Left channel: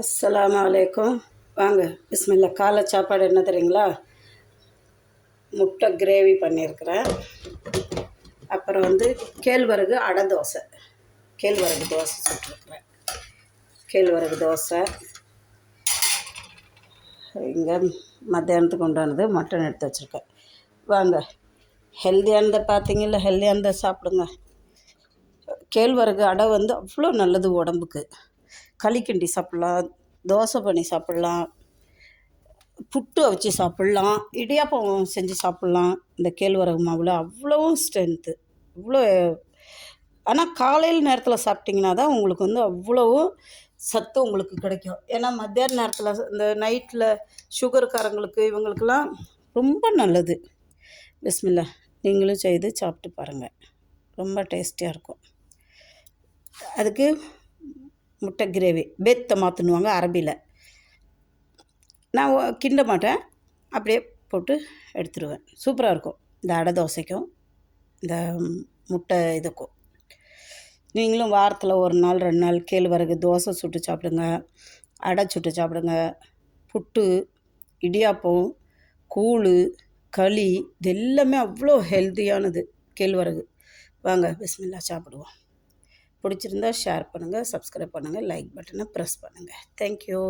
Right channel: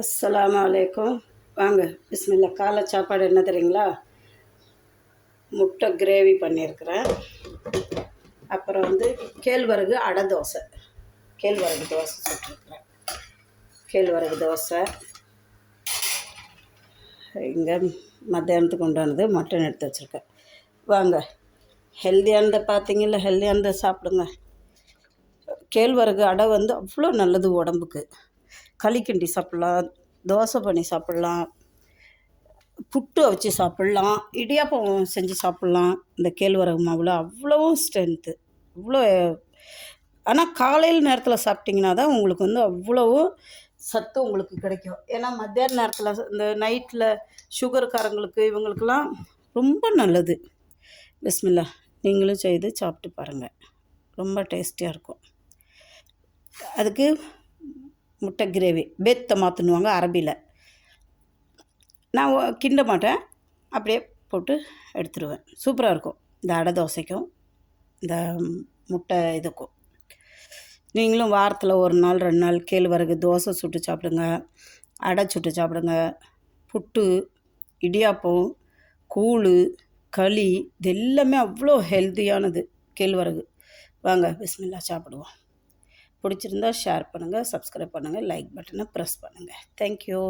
அஸ்ஸலாமு அலைக்கும். வாங்க பிஸ்மில்லா. காலை சாப்பாடு என்ன தெரியுங்களா? முட்டை கிரேவி பண்ணியிருக்கிறேன். அப்புறம் கேழ்வரகு அடை தோசை, கேழ்வரகு தோசை சுட்டுருக்குறேன். கேழ்வரகு தோசை இங்கே மத்தியானத்துக்கு உண்டானது மட்டன் எடுத்து வச்சுருக்கேன். வாங்க ஹெல்த்தியானதை பார்த்தீங்கல்ல, ஹெல்த்தியானதை சாப்பிடுங்க. கேழ்வரகு அடை அவ்வளோ நல்லது உடம்புக்கு. களி கிண்டி சாப்பிட்லாம், தோசை பண்ணி சாப்பிட்லாம், புட்டு வச்சு சாப்பிட்லாம், இடியாப்பம் செஞ்சு சாப்பிட்லாம். இந்த கேழ்வரகு மாவில் அவ்வளவும் ஸ்ட்ரென்த்து, அவ்வளோ. ஆனால் காலையில் நேரத்தில் சாப்பிட்டிங்கன்னா தான் உங்களுக்கு அவ்வளவு சத்து உங்களுக்கு கிடைக்கும். ஏன்னா மத்தியான நேரத்தில் இந்த நைட்டில் சுகர்காரங்களுக்கு இவங்களுக்கெல்லாம் ரொம்ப நல்லது. பிஸ்மில்லா, நீங்களும் செய்து சாப்பிட்டு பாருங்கள், ரொம்ப டேஸ்டியாக இருக்கும். அதுக்கு முட்டை கிரேவி பேத்த மாற்றுனுவாங்க அரபியில். நான் கிண்ட மாட்டேன், அப்படியே போட்டு எடுத்துடுவேன். சூப்பராக இருக்கும் இந்த அடை தோசைக்கும் இந்த முட்டை இதுக்கும். நீங்களும் வாரத்தில் ஒரு நாள் 2 நாள் கேழ்வரகு தோசை சுட்டு சாப்பிடுங்க, அடை சுட்டு சாப்பிடுங்க. புட்டு, இடியாப்பம், கூழ், களி இது எல்லாமே அவ்வளோ ஹெல்த்தியானது கேழ்வரகு. வாங்க பிஸ்மில்லா சாப்பிடுவோம். பிடிச்சிருந்தா ஷேர் பண்ணுங்கள், சப்ஸ்கிரைப் பண்ணுங்கள், லைக் பட்டனை ப்ரெஸ் பண்ணுங்கள். தேங்க்யூ.